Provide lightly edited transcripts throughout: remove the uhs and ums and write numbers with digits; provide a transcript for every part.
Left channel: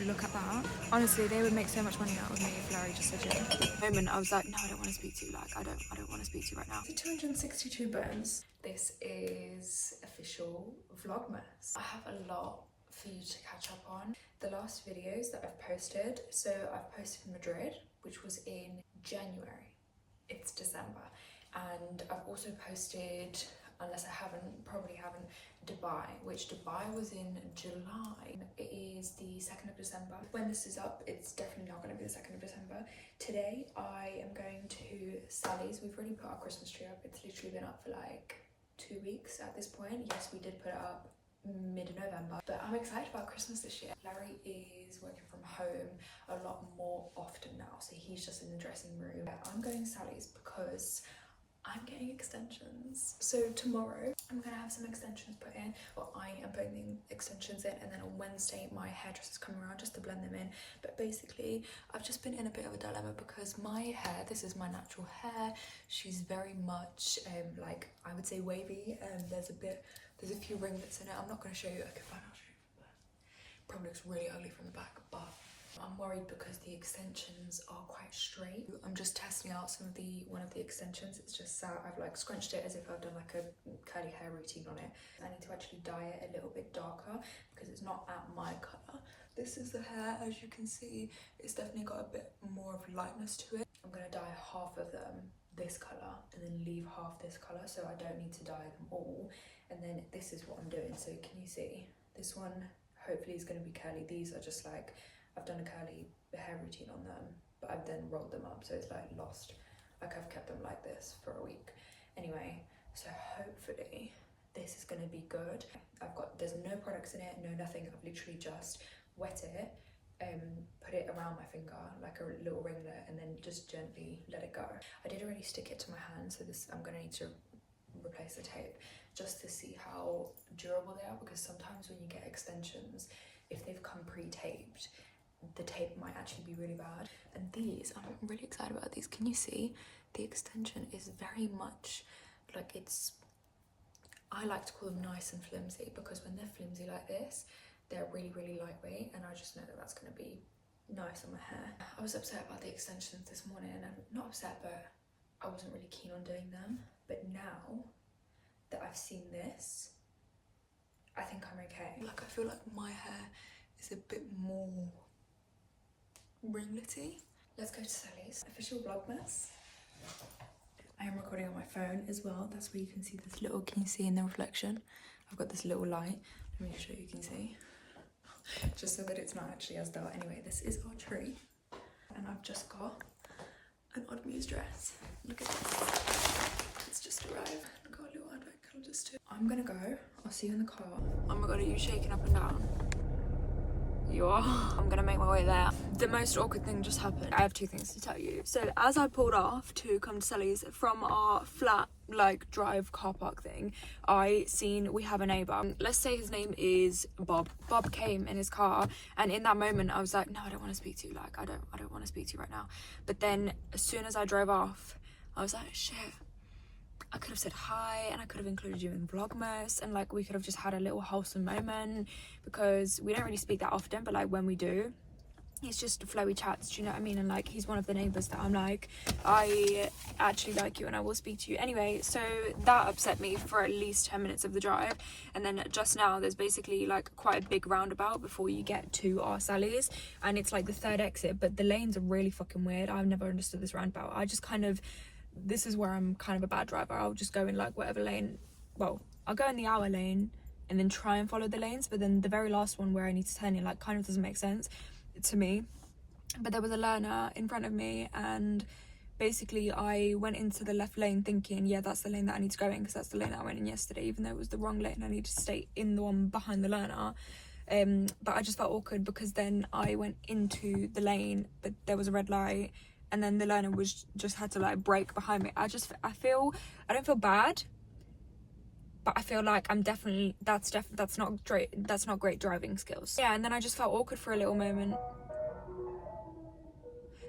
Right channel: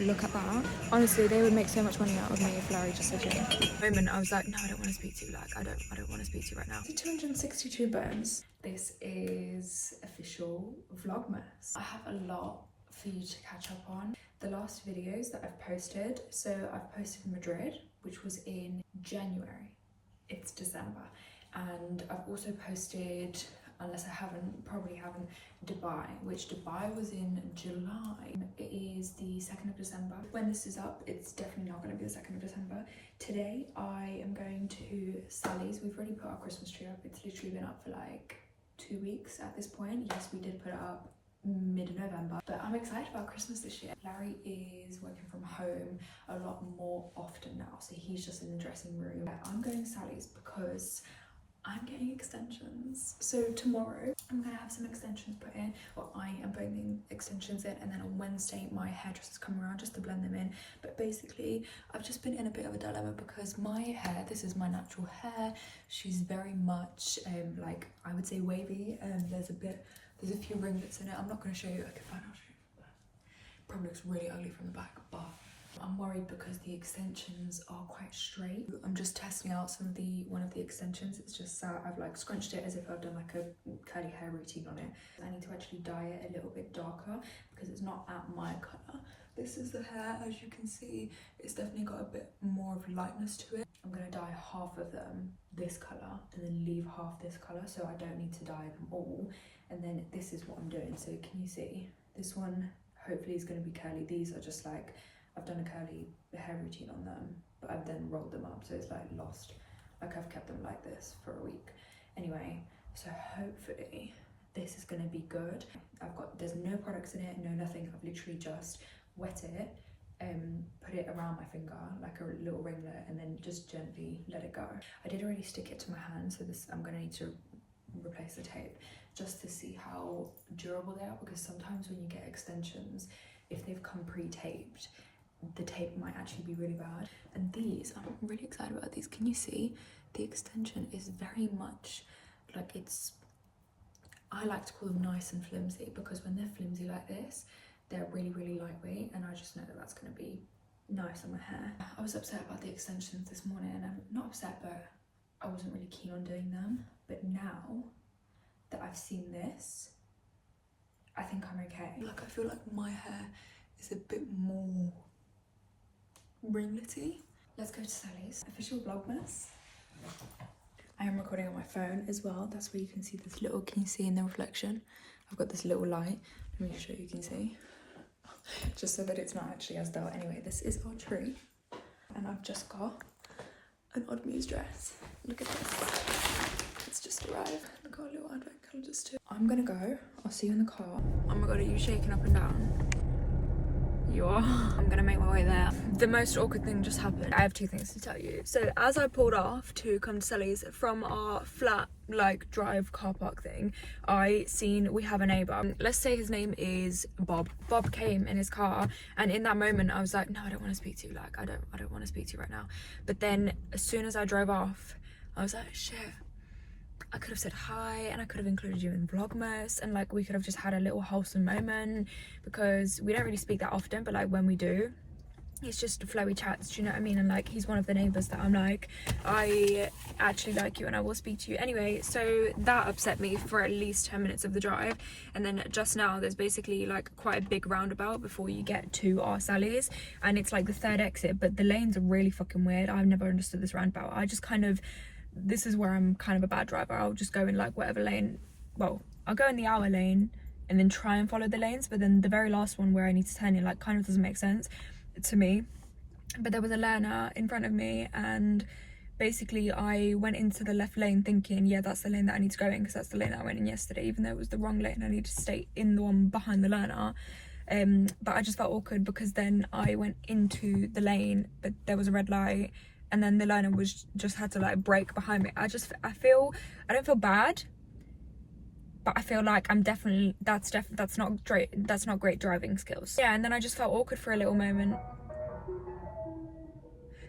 look at that. Honestly, they would make so much money out of me if Larry just said yeah. At the moment, I was like, no, I don't want to speak to you. Like, I don't want to speak to you right now. The 262 bones. This is official Vlogmas. I have a lot for you to catch up on. The last videos that I've posted, so I've posted Madrid, which was in January. It's December. And I've also posted, unless I haven't, probably haven't, Dubai, which Dubai was in July. It is the 2nd of December. When this is up, it's definitely not going to be the 2nd of December. Today, I am going to Sally's. We've already put our Christmas tree up. It's literally been up for like 2 weeks at this point. Yes, we did put it up mid-November, but I'm excited about Christmas this year. Larry is working from home a lot more often now, so he's just in the dressing room. I'm going to Sally's because I'm getting extensions. So tomorrow I'm gonna have some extensions put in, or I am putting the extensions in, and then on Wednesday my hairdresser's coming around just to blend them in. But basically I've just been in a bit of a dilemma because my hair, this is my natural hair, she's very much like, I would say wavy, and there's a few ringlets in it. I'm not going to show you. Okay, fine, I'll show you. Probably looks really ugly from the back, but I'm worried because the extensions are quite straight. I'm just testing out one of the extensions. It's just I've like scrunched it as if I've done like a curly hair routine on it. I need to actually dye it a little bit darker because it's not at my colour. This is the hair, as you can see. It's definitely got a bit more of lightness to it. I'm going to dye half of them this colour and then leave half this colour, so I don't need to dye them all. And then this is what I'm doing. So can you see? This one hopefully is going to be curly. These are just like, I've done a curly hair routine on them, but I've then rolled them up, so it's like lost. Like I've kept them like this for a week. Anyway, so hopefully this is going to be good. There's no products in it, no nothing. I've literally just wet it and put it around my finger like a little ringlet, and then just gently let it go. I did already stick it to my hand, so this I'm going to need to replace the tape just to see how durable they are, because sometimes when you get extensions, if they've come pre-taped, the tape might actually be really bad. And these, I'm really excited about these. Can you see? The extension is very much like, I like to call them nice and flimsy, because when they're flimsy like this, they're really, really lightweight, and I just know that that's going to be nice on my hair. I was upset about the extensions this morning, and I'm not upset, but I wasn't really keen on doing them. But now that I've seen this, I think I'm okay. Like, I feel like my hair is a bit more ringlety. Let's go to Sally's. Official Vlogmas. I am recording on my phone as well. That's where you can see this little, can you see in the reflection? I've got this little light. Let me just show you, can see? Just so that it's not actually as dull. Anyway, this is our tree. And I've just got an Odd Muse dress. Look at this. It's just arrived. Look how little advent calendars too. I'm gonna go. I'll see you in the car. Oh my god, are you shaking up and down? You are. I'm gonna make my way there. The most awkward thing just happened. I have two things to tell you. So as I pulled off to come to Sally's from our flat like drive car park thing, we have a neighbour. Let's say his name is Bob. Bob came in his car, and in that moment I was like, no, I don't want to speak to you. Like, I don't want to speak to you right now. But then as soon as I drove off, I was like, shit, I could have said hi, and I could have included you in Vlogmas, and like we could have just had a little wholesome moment, because we don't really speak that often, but like when we do, it's just flowy chats, do you know what I mean? And like, he's one of the neighbours that I'm like, I actually like you and I will speak to you. Anyway, so that upset me for at least 10 minutes of the drive. And then just now there's basically like quite a big roundabout before you get to our Sally's, and it's like the third exit, but the lanes are really fucking weird. I've never understood this roundabout. This is where I'm kind of a bad driver. I'll just go in like whatever lane. Well, I'll go in the hour lane and then try and follow the lanes, but then the very last one where I need to turn in like kind of doesn't make sense to me. But there was a learner in front of me, and basically I went into the left lane thinking, yeah, that's the lane that I need to go in, because that's the lane that I went in yesterday, even though it was the wrong lane. I needed to stay in the one behind the learner. But I just felt awkward because then I went into the lane, but there was a red light, and then the learner just had to like brake behind me. I don't feel bad, but I feel like that's not great driving skills. Yeah, and then I just felt awkward for a little moment,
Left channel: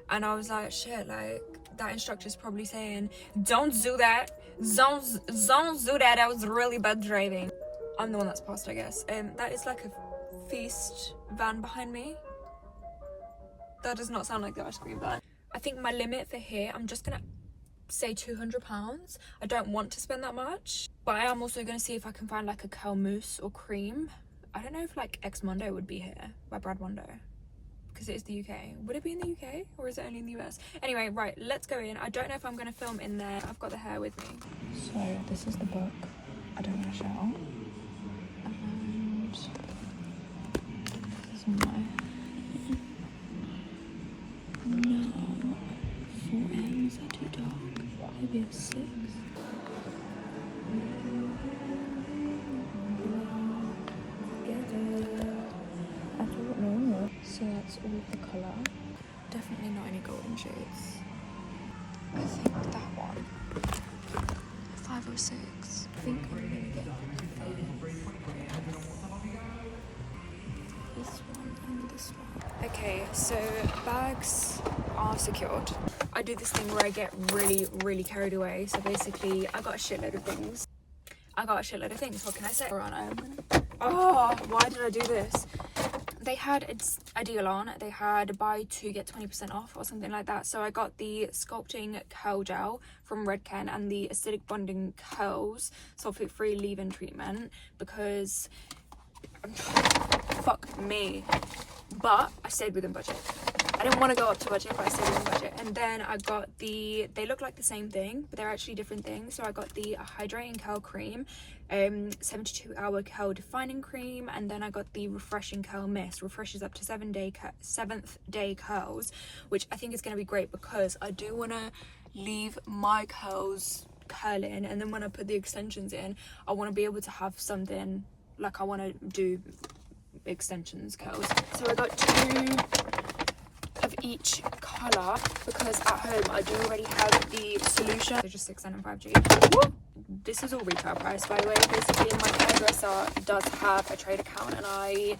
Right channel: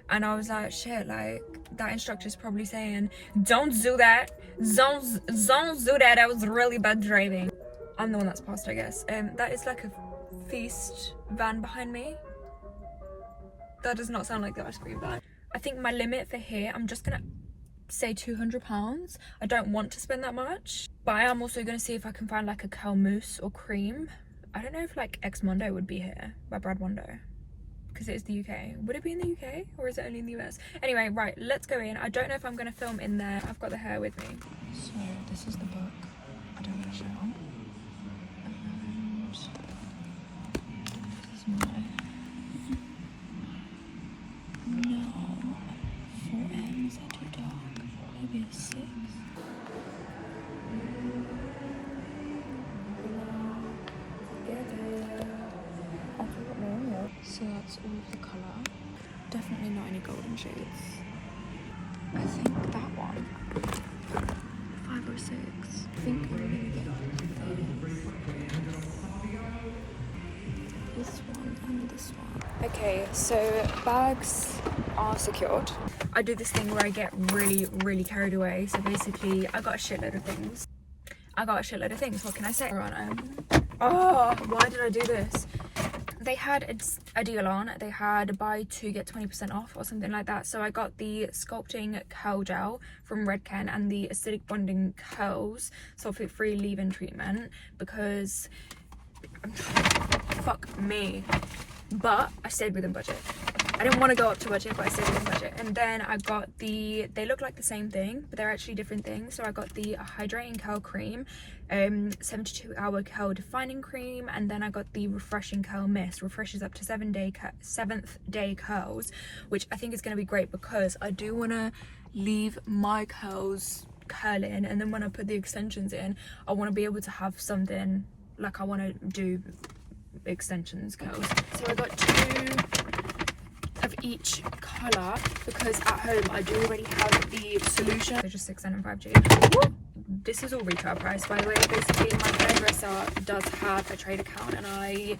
and I was like, shit, like that instructor's probably saying, don't do that, don't do that, that was really bad driving. I'm the one that's passed, I guess. That is like a feast van behind me. That does not sound like the ice cream bag. I think my limit for here, I'm just gonna say £200. I don't want to spend that much, but I am also gonna see if I can find like a curl mousse or cream. I don't know if like Ex Mondo would be here by Brad Mondo, because it is the UK. Would it be in the UK or is it only in the US? Anyway, right, let's go in. I don't know if I'm gonna film in there. I've got the hair with me. So this is the book. I don't want to shout. And this is my... No. 4 AM, is that too dark? Maybe it's 6. So that's all of the colour. Definitely not any golden shades. I think that one, 5 or 6. I think I'm gonna get this one and this one. Okay, so bags are secured. I do this thing where I get really carried away. So basically, I got a shitload of things. What can I say? Oh, why did I do this? They had a deal on. They had buy 2 get 20% off or something like that. So I got the sculpting curl gel from Redken and the acidic bonding curls sulfate free leave-in treatment, because fuck me. But I stayed within budget. I didn't want to go up to budget, but I stayed within budget. And then I got they look like the same thing, but they're actually different things. So I got the hydrating curl cream, 72-hour curl defining cream, and then I got the refreshing curl mist. Refreshes up to 7th day curls, which I think is going to be great because I do want to leave my curls curling, and then when I put the extensions in, I want to be able to have something like I want to do extensions curls. So I got 2 of each colour because at home I do already have the solution. They're just 6N and 5G. Whoop. This is all retail price, by the way. Basically, my hairdresser does have a trade account, and I'm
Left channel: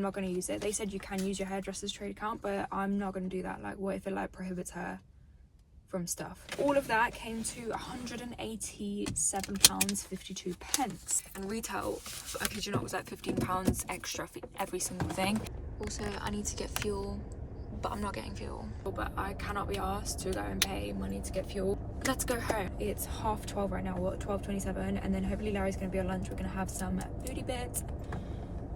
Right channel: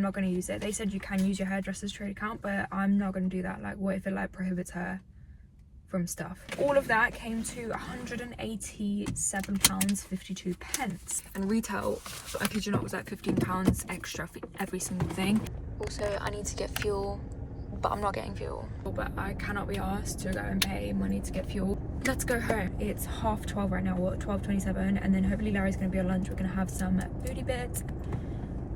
not going to use it. They said you can use your hairdresser's trade account, but I'm not going to do that. Like, what if it like prohibits her from stuff? All of that came to £187.52, and retail, I kid you not, was like £15 extra for every single thing. Also, I need to get fuel, but I'm not getting fuel. But I cannot be asked to go and pay money to get fuel. Let's go home. It's 12:30 right now, or 12:27, and then hopefully Larry's gonna be on lunch. We're gonna have some foodie bits.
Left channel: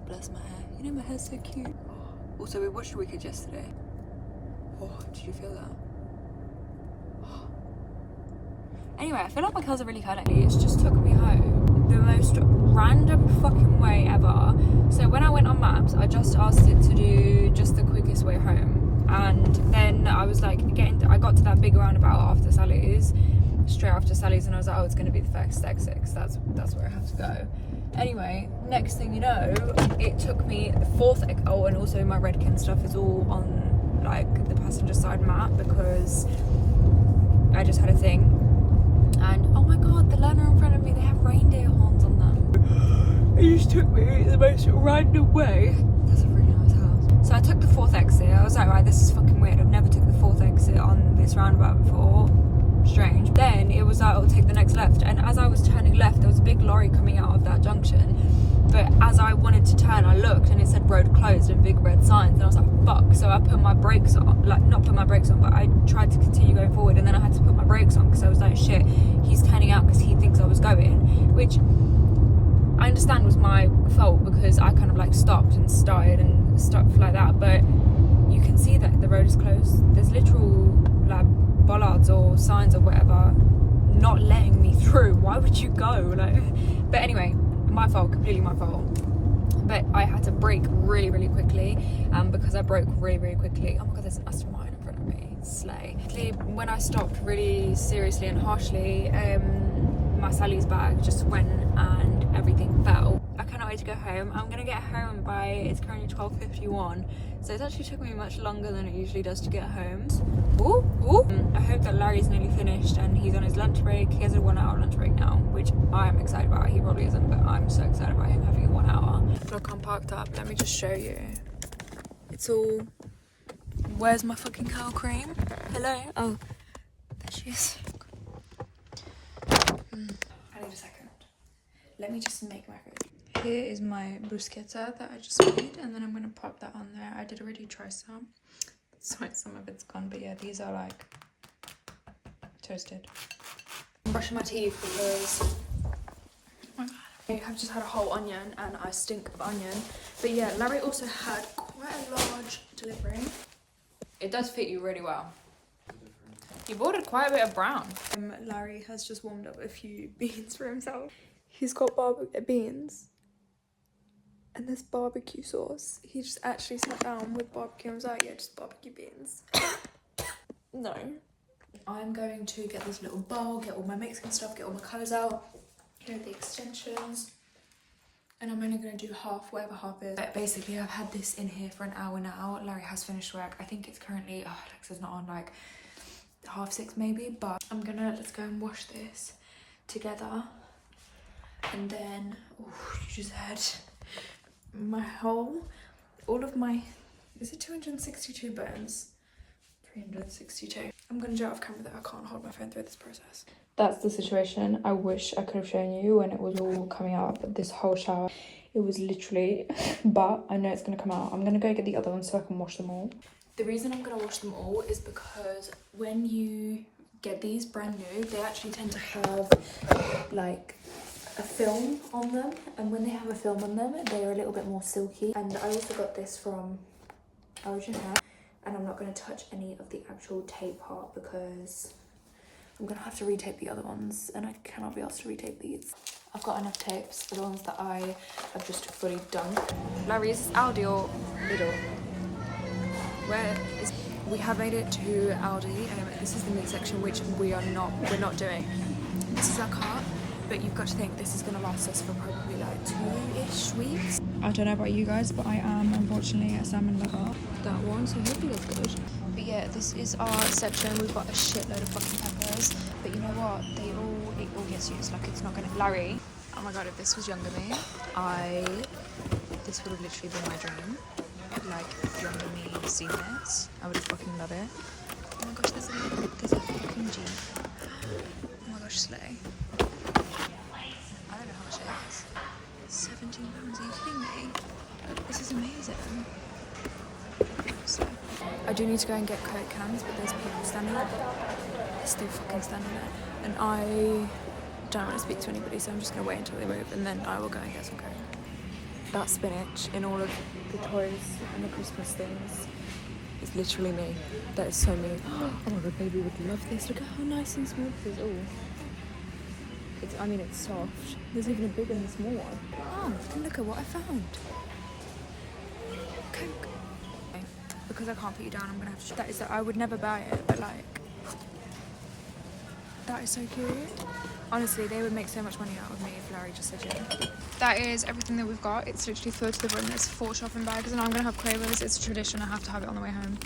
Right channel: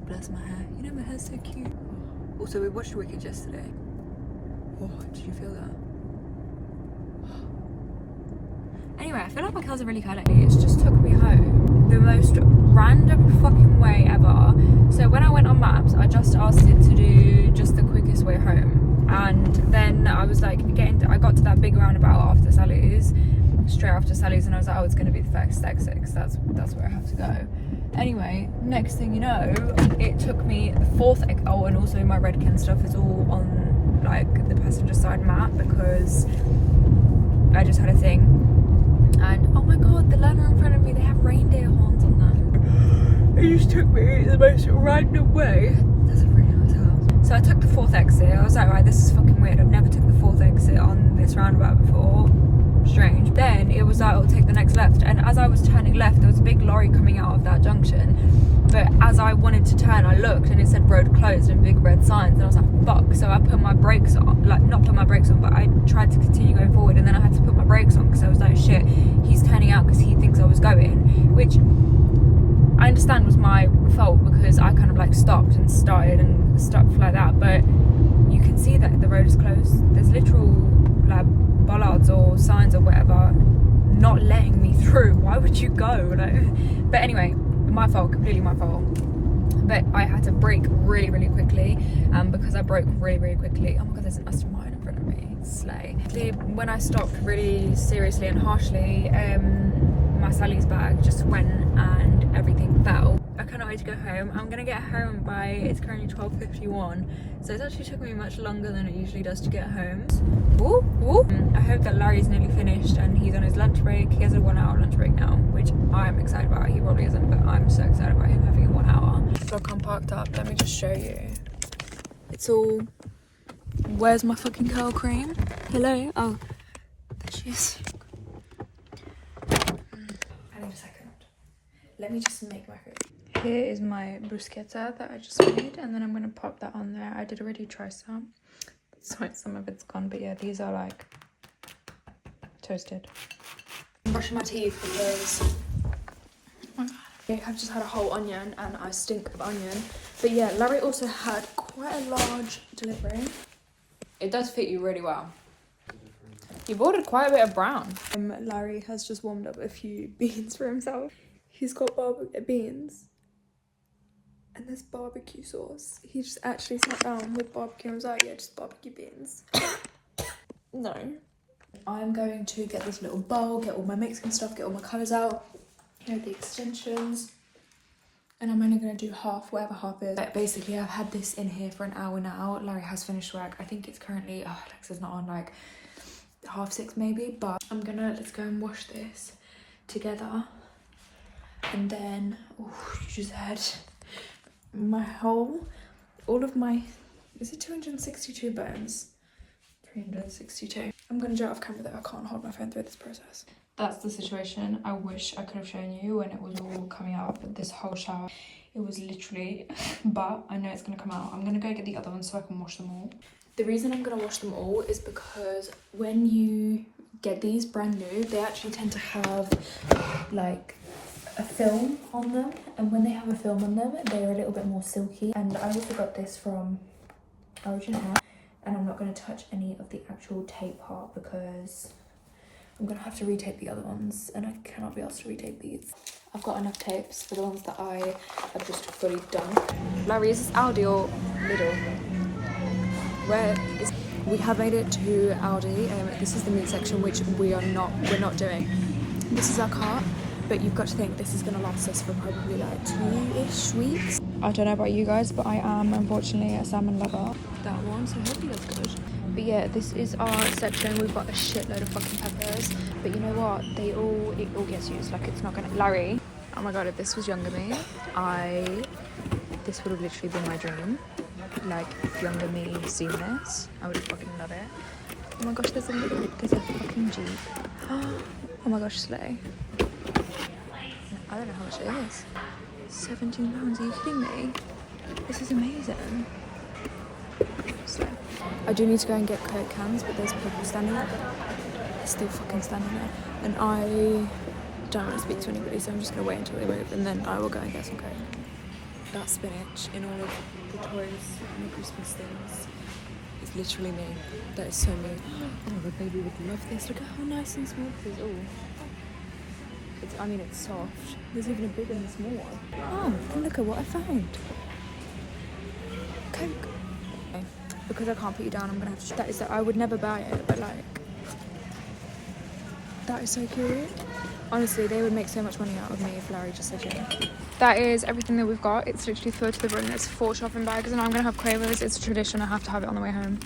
Bless my hair. You know, my hair's so cute. Oh. Also, we watched Wicked yesterday. Oh, did you feel that? Anyway, I feel like my curls are really curly. It's just took me home the most random fucking way ever. So when I went on maps, I just asked it to do just the quickest way home, and then I was like I got to that big roundabout after Sally's, straight after Sally's, and I was like, oh, it's gonna be the first exit, because that's where I have to go. Anyway, next thing you know, it took me the 4th exit. Oh, and also my Redken stuff is all on like the passenger side map because I just had a thing. And oh my god, the learner in front of me, they have reindeer horns on them. It just took me the most random way. That's a really nice house. So I took the 4th exit. I was like, right, this is fucking weird. I've never took the 4th exit on this roundabout before. Strange. Then it was like, I'll take the next left. And as I was turning left, there was a big lorry coming out of that junction. But as I wanted to turn, I looked and it said road closed and big red signs. And I was like, fuck. So I put my brakes on, like not put my brakes on, but I tried to continue going forward. And then I had to put my brakes on because I was like, shit, he's turning out because he thinks I was going. Which I understand was my fault because I kind of like stopped and started and stuff like that. But you can see that the road is closed. There's literal like bollards or signs or whatever not letting me through. Why would you go? Like, but anyway, my fault, completely my fault. But I had to brake really quickly, because I broke really quickly. Oh my god, there's an Aston Martin in front of me. Slay. When I stopped really seriously and harshly, my Sally's bag just went and everything fell. I cannot wait to go home. I'm gonna get home by, it's currently 12:51, so it's actually took me much longer than it usually does to get home. Ooh, ooh. I hope that Larry's nearly finished and he's on his lunch break. He has a 1-hour lunch break now, which I am excited about. He probably isn't, but I'm so excited about him having a 1 hour. Look, I'm parked up. Let me just show you. It's all... Where's my fucking curl cream? Hello? Oh, there she is. I need a second. Let me just make my food. Here is my bruschetta that I just made, and then I'm gonna pop that on there. I did already try some, so some of it's gone, but yeah, these are like toasted. I'm brushing my teeth because I've just had a whole onion and I stink of onion. But yeah, Larry also had quite a large delivery. It does fit you really well. You've ordered quite a bit of brown. Larry has just warmed up a few beans for himself. He's got beans and there's barbecue sauce. He just actually sat down with barbecue and was like, yeah, just barbecue beans. No. I'm going to get this little bowl, get all my Mexican stuff, get all my colours out. Here are the extensions. And I'm only going to do half, whatever half is. But basically, I've had this in here for an hour now. Larry has finished work. I think it's currently, Alexa's not on, like 6:30 maybe. But let's go and wash this together. And then, oh, you just heard all of my, is it 262 bones? 362. I'm going to do it off camera that I can't hold my phone through this process. That's the situation. I wish I could have shown you when it was all coming out, but this whole shower, it was literally, but I know it's going to come out. I'm going to go get the other ones so I can wash them all. The reason I'm going to wash them all is because when you get these brand new, they actually tend to have like a film on them, and when they have a film on them, they are a little bit more silky. And I also got this from Origin Hair, and I'm not going to touch any of the actual tape part because I'm going to have to retape the other ones, and I cannot be asked to retape these. I've got enough tapes for the ones that I have just fully done. Larry, is this Aldi or Lidl? We have made it to Aldi. This is the meat section, which we're not doing. This is our cart, but you've got to think this is going to last us for probably like 2-ish weeks. I don't know about you guys, but I am unfortunately a salmon lover. That one, so hopefully that's good. But yeah, this is our section. We've got a shitload of fucking peppers. But you know what? It all gets used. Like, it's not gonna... Larry, oh my god, if this was younger me, this would have literally been my dream. Like, if younger me seen this, I would fucking love it. Oh my gosh, there's a fucking Jeep. Oh my gosh, slay. I don't know how much it is. £17, are you kidding me? This is amazing. So, I do need to go and get Coke cans, but there's people standing there. They're still fucking standing there. And I don't want to speak to anybody, so I'm just going to wait until they move, and then I will go and get some Coke. That spinach in all of the toys and the Christmas things is literally me. That is so me. Oh my god, baby would love this. Look at how nice and smooth this is. Oh. It's soft. There's even a big and a small one. Oh, and look at what I found. Coke. Okay. Because I can't put you down, I'm gonna have to. I would never buy it, but like, that is so cute. Honestly, they would make so much money out of me if Larry just said yeah. That is everything that we've got. It's literally filled to the brim. There's 4 shopping bags, and I'm gonna have Quavers. It's a tradition. I have to have it on the way home.